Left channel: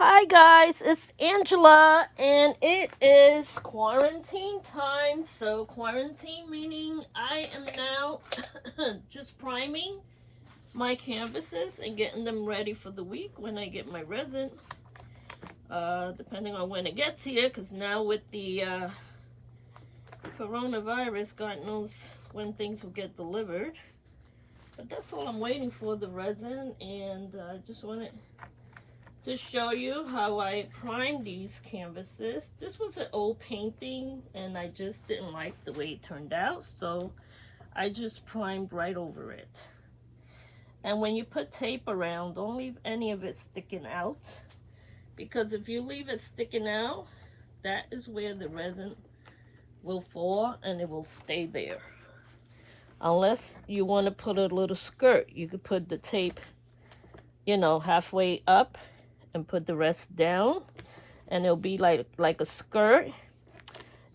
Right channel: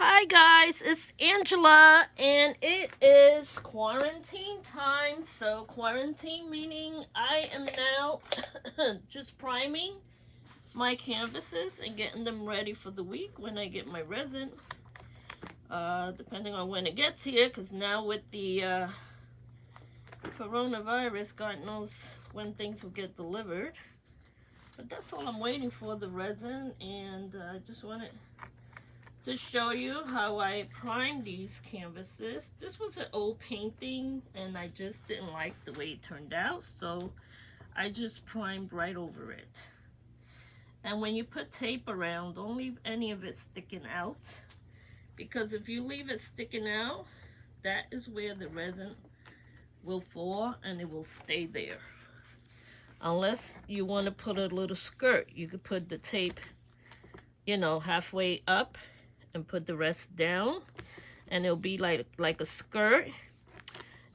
Hi guys, it's Angela and it is quarantine time. So quarantine meaning I am now just priming my canvases and getting them ready for the week when I get my resin. Depending on when it gets here, because now with the coronavirus, God knows when things will get delivered. But that's all I'm waiting for, the resin, and I just wanted to show you how I primed these canvases. This was an old painting and I just didn't like the way it turned out, so I just primed right over it. And when you put tape around, don't leave any of it sticking out, because if you leave it sticking out, that is where the resin will fall and it will stay there. Unless you want to put a little skirt, you could put the tape, you know, halfway up and put the rest down, and it'll be like a skirt,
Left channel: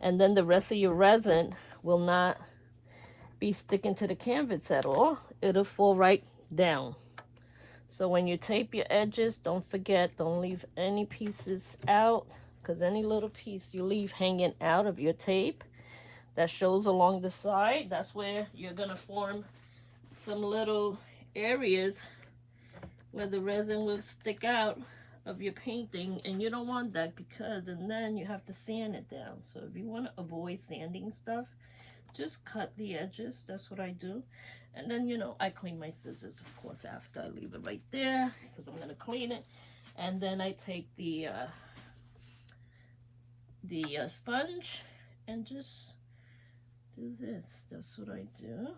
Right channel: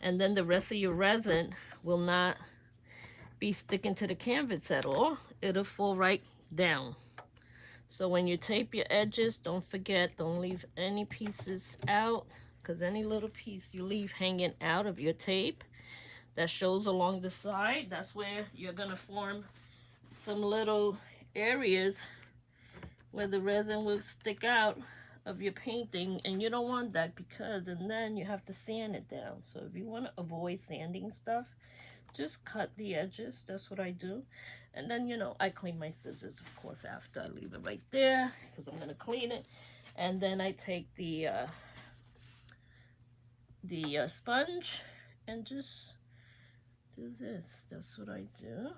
and then the rest of your resin will not be sticking to the canvas at all. It'll fall right down. So when you tape your edges, don't forget, don't leave any pieces out, because any little piece you leave hanging out of your tape that shows along the side, that's where you're gonna form some little areas where the resin will stick out of your painting, and you don't want that, because and then you have to sand it down. So if you want to avoid sanding stuff, just cut the edges. That's what I do. And then, you know, I clean my scissors, of course, after. I leave it right there because I'm going to clean it. And then I take the sponge and just do this. That's what I do.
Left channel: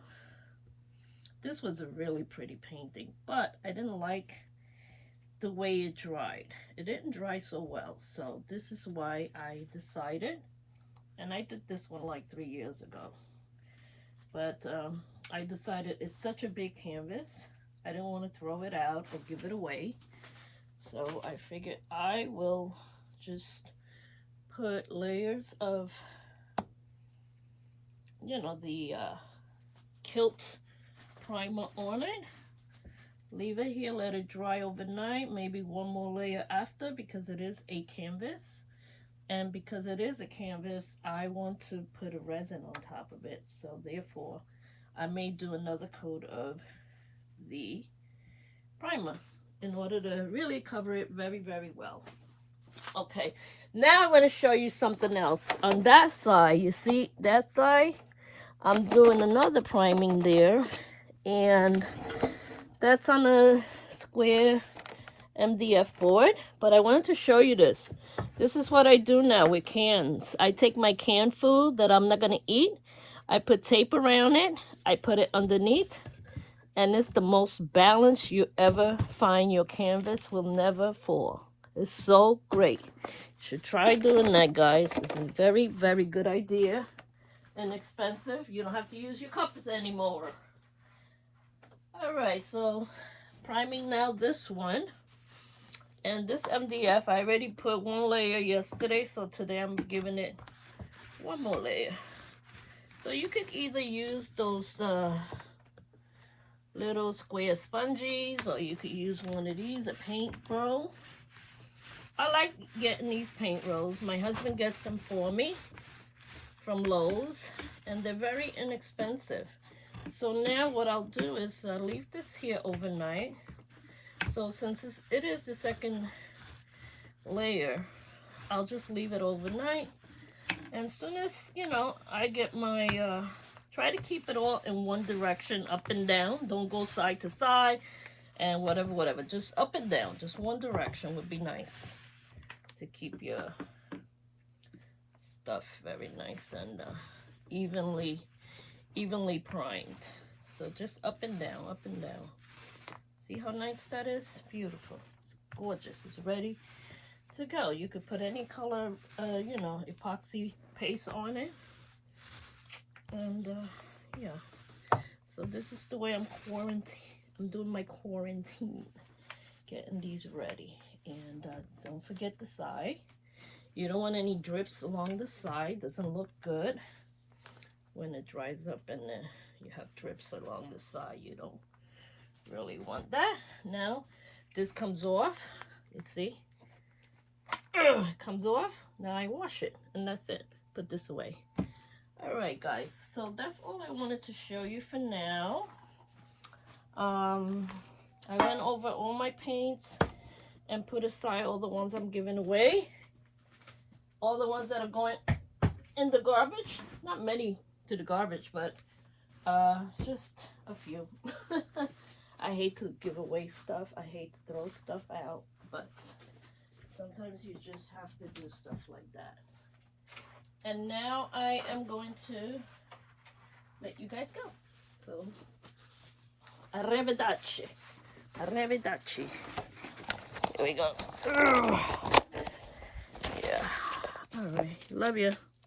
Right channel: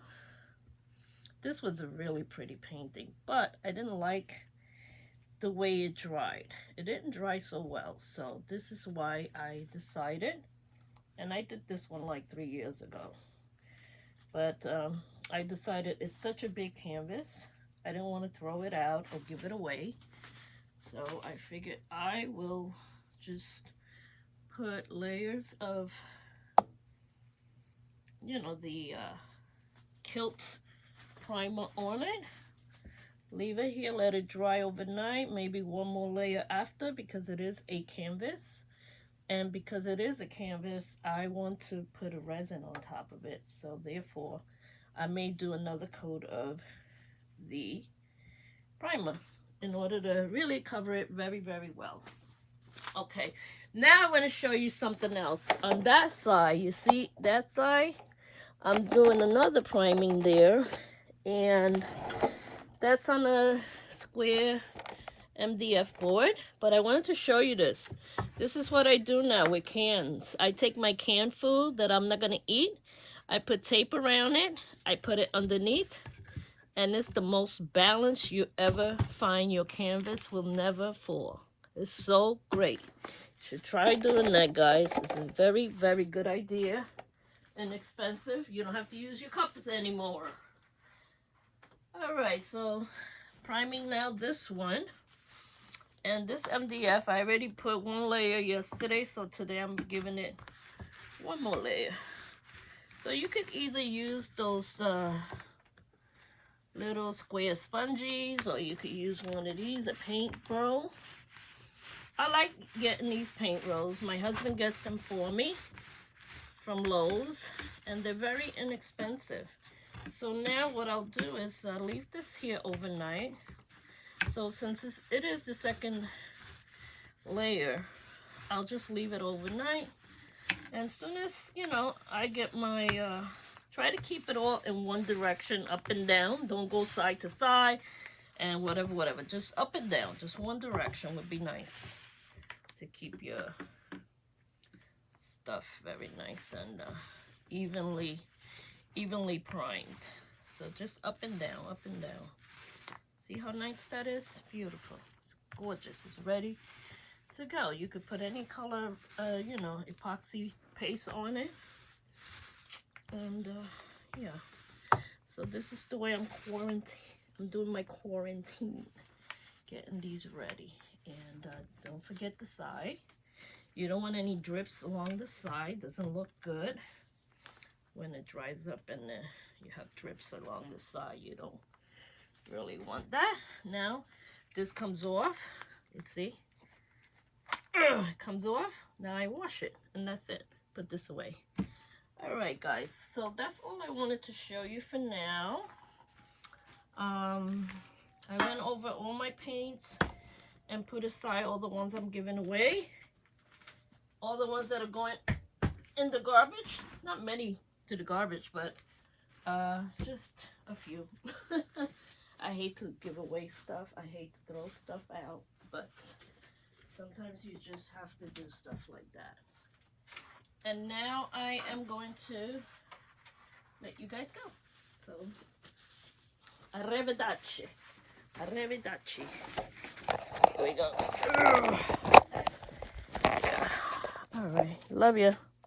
This was a really pretty painting, but I didn't like the way it dried. It didn't dry so well, so this is why I decided, and I did this one like 3 years ago, but I decided it's such a big canvas, I didn't want to throw it out or give it away, so I figured I will just put layers of, you know, the Kilt primer on it. Leave it here, let it dry overnight, maybe one more layer after, because it is a canvas. And because it is a canvas, I want to put a resin on top of it. So therefore, I may do another coat of the primer in order to really cover it very, very well. Okay, now I want to show you something else. On that side, you see that side? I'm doing another priming there, and that's on a square MDF board, but I wanted to show you this. This is what I do now with cans. I take my canned food that I'm not going to eat, I put tape around it, I put it underneath, and it's the most balanced you ever find. Your canvas will never fall. It's so great. You should try doing that, guys. It's a very, very good idea. Inexpensive. You don't have to use your cups anymore. Alright, so priming now this one. And this MDF, I already put one layer yesterday, so today I'm giving it one more layer. So you could either use those little square sponges, or you could use one of these, a paint roll. I like getting these paint rolls. My husband gets them for me from Lowe's, and they're very inexpensive. So now what I'll do is leave this here overnight. So since it is the second layer, I'll just leave it overnight. And as soon as, you know, I get my, try to keep it all in one direction, up and down. Don't go side to side and whatever. Just up and down. Just one direction would be nice to keep your stuff very nice and evenly primed. So just up and down, up and down. See how nice that is? Beautiful. It's gorgeous. It's ready to go. You could put any color, you know, epoxy paste on it. And yeah. So this is the way I'm doing my quarantine. Getting these ready. And don't forget the side. You don't want any drips along the side. Doesn't look good when it dries up and you have drips along the side. You don't really want that. Now this comes off, you see, it comes off. Now I wash it, and that's it. Put this away. All right, guys. So that's all I wanted to show you for now. I went over all my paints and put aside all the ones I'm giving away. All the ones that are going in the garbage. Not many to the garbage, but just a few. I hate to give away stuff. I hate to throw stuff out, but sometimes you just have to do stuff like that. And now I am going to let you guys go. So, arrivederci. Arrivederci. Here we go. All right. Love you.